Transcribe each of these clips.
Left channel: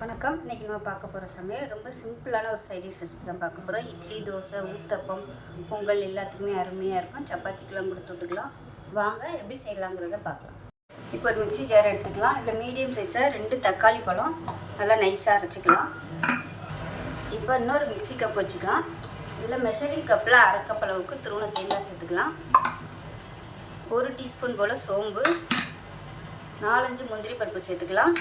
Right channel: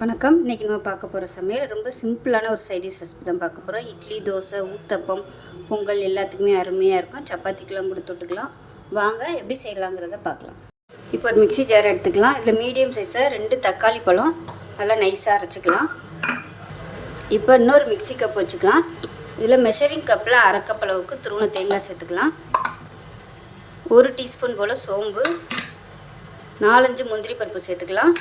வணக்கம். இன்றைக்கி நம்ம பார்க்க போகிற சமையல் ரொம்ப சிம்பிளான ஒரு சைடிஷ் ரெசிபி தான் பார்க்க போகிறோம். இட்லி, தோசை, ஊத்தப்பம், பொங்கல் எல்லாத்துக்குமே அருமையாக இருக்கும். சப்பாத்திக்கெலாம் கூட தொட்டுக்கலாம். வாங்க எப்படி செய்யலாங்கிறத பார்க்கலாம். இப்போ ஒரு மிக்ஸி ஜார் எடுத்துக்கலாம். இதில் மீடியம் சைஸில் 2 தக்காளி பழம் நல்லா நைஸாக அரைச்சிக்கலாம். இப்போ இன்னொரு மிக்ஸி கப் வச்சுக்கலாம். இதில் மெஷரிங் கப்பில் 1/2 கப் அளவுக்கு துருவன தேங்காய் சேர்த்துக்கலாம். 1 டீஸ்பூன் போல் சோம்பு, 4-5 முந்திரி பருப்பு சேர்த்துக்கலாம்.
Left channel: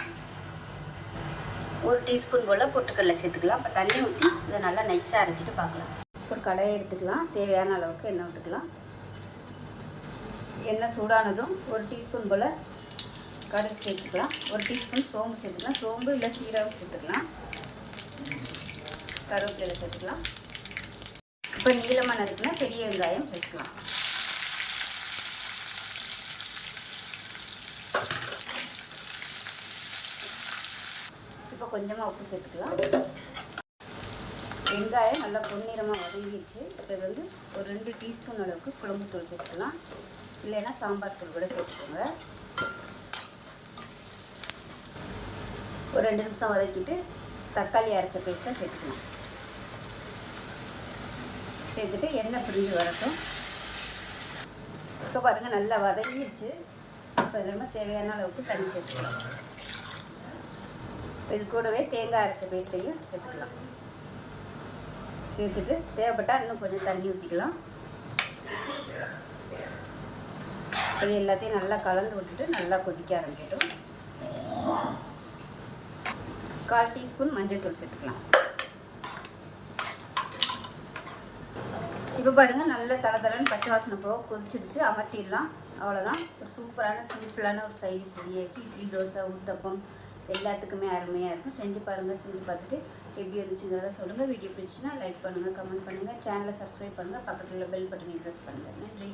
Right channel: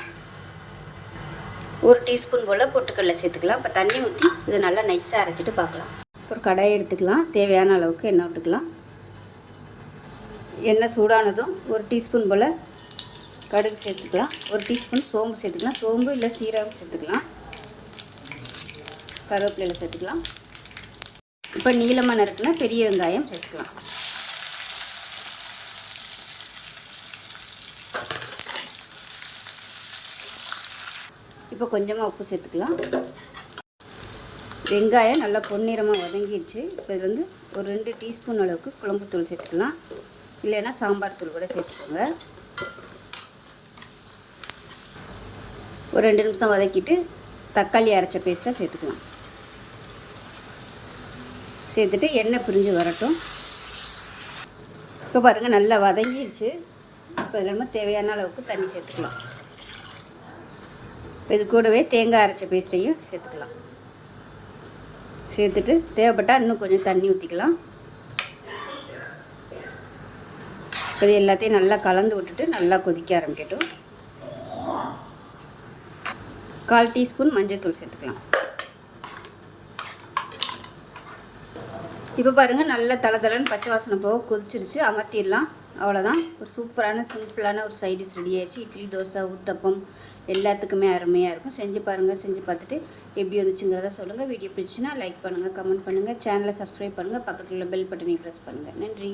1 டீஸ்பூன் போல் பொட்டுக்கடலை சேர்த்துக்கலாம். இப்போ தண்ணி ஊற்றி இதை நல்லா நைஸாக அரைச்சிட்டு பார்க்கலாம். ஒரு கடாயை எடுத்துக்கலாம். தேவையான அளவுக்கு எண்ணெய் விட்டுக்கலாம். எண்ணெய் சூடானதும் 1 டீஸ்பூன் போல் கடுகு சேர்த்துக்கலாம். 1 டீஸ்பூன் சோம்பு சேர்த்துக்கலாம். சோம்பு இல்லை சீரகம் சேர்த்துக்கலாம். கருவேப்பிலை சேர்த்துக்கலாம். இப்போ நீளமாக நறுக்குனா பெரிய வெங்காயம் சேர்த்துக்கலாம். இப்போ கொஞ்சமாக உப்பு சேர்த்துக்கலாம். வெங்காயம் நல்லா பொன்னிறமாக வதங்கிடுச்சு. இப்போ இது ஒரு 2 டீஸ்பூன் அளவுக்கு குழம்புத்தூள் சேர்த்துக்கலாம். இல்லைன்னா சாம்பார் தூள் கூட சேர்த்துக்கோங்க. ஒரு 2 நிமிஷம் வதக்கிட்டு தக்காளி அரைச்ச பேஸ்ட்டை சேர்த்துக்கலாம். சேர்த்துட்டு எண்ணெய் பிரிஞ்சு வரட்டும். இப்போ பாருங்கள் நல்லா வதங்கிடுச்சு. இப்போ நம்ம தேவையான அளவுக்கு தண்ணி சேர்த்துக்கலாம். இது கூடவே தேங்காய் அரைச்ச பேஸ்ட்டையும் சேர்த்துக்கலாம். சேர்த்துட்டு தேவைப்பட்டால் இன்னும் கொஞ்சம் தண்ணி ஊற்றிக்கலாம். இது எல்லாத்தையும் நல்லா கலந்து விட்டுட்டு நல்லா கொதிக்க ஆரம்பிக்கட்டும். 1/4 டீஸ்பூன் மஞ்சள் சேர்த்துக்கலாம். இப்போ பாருங்கள் நல்லா தளன்னு பச்சை வாசனை போக கொதிச்சிருச்சு. அமர்த்திடலாம். அவ்வளோதான். ஒரு சூப்பரான சிம்பிளான ஒரு சைடிஷ் ரெடி ஆயிடுச்சு. இட்லி, தோசை, ஊத்தப்பம் எல்லாத்துக்குமே அருமையாக இருக்கும். செஞ்சு பாருங்கள். செஞ்சு பார்த்துட்டு எப்படி வந்துச்சுங்கிறத சொல்லுங்கள். வீடியோ பிடிச்சின்னா லைக் பண்ணுங்கள், கமெண்ட் பண்ணுங்கள், சேனலை சப்ஸ்கிரைப் பண்ணுங்கள், பக்கத்தில் உள்ள பெல் பட்டனை ப்ரெஸ் பண்ணுங்கள். நன்றி.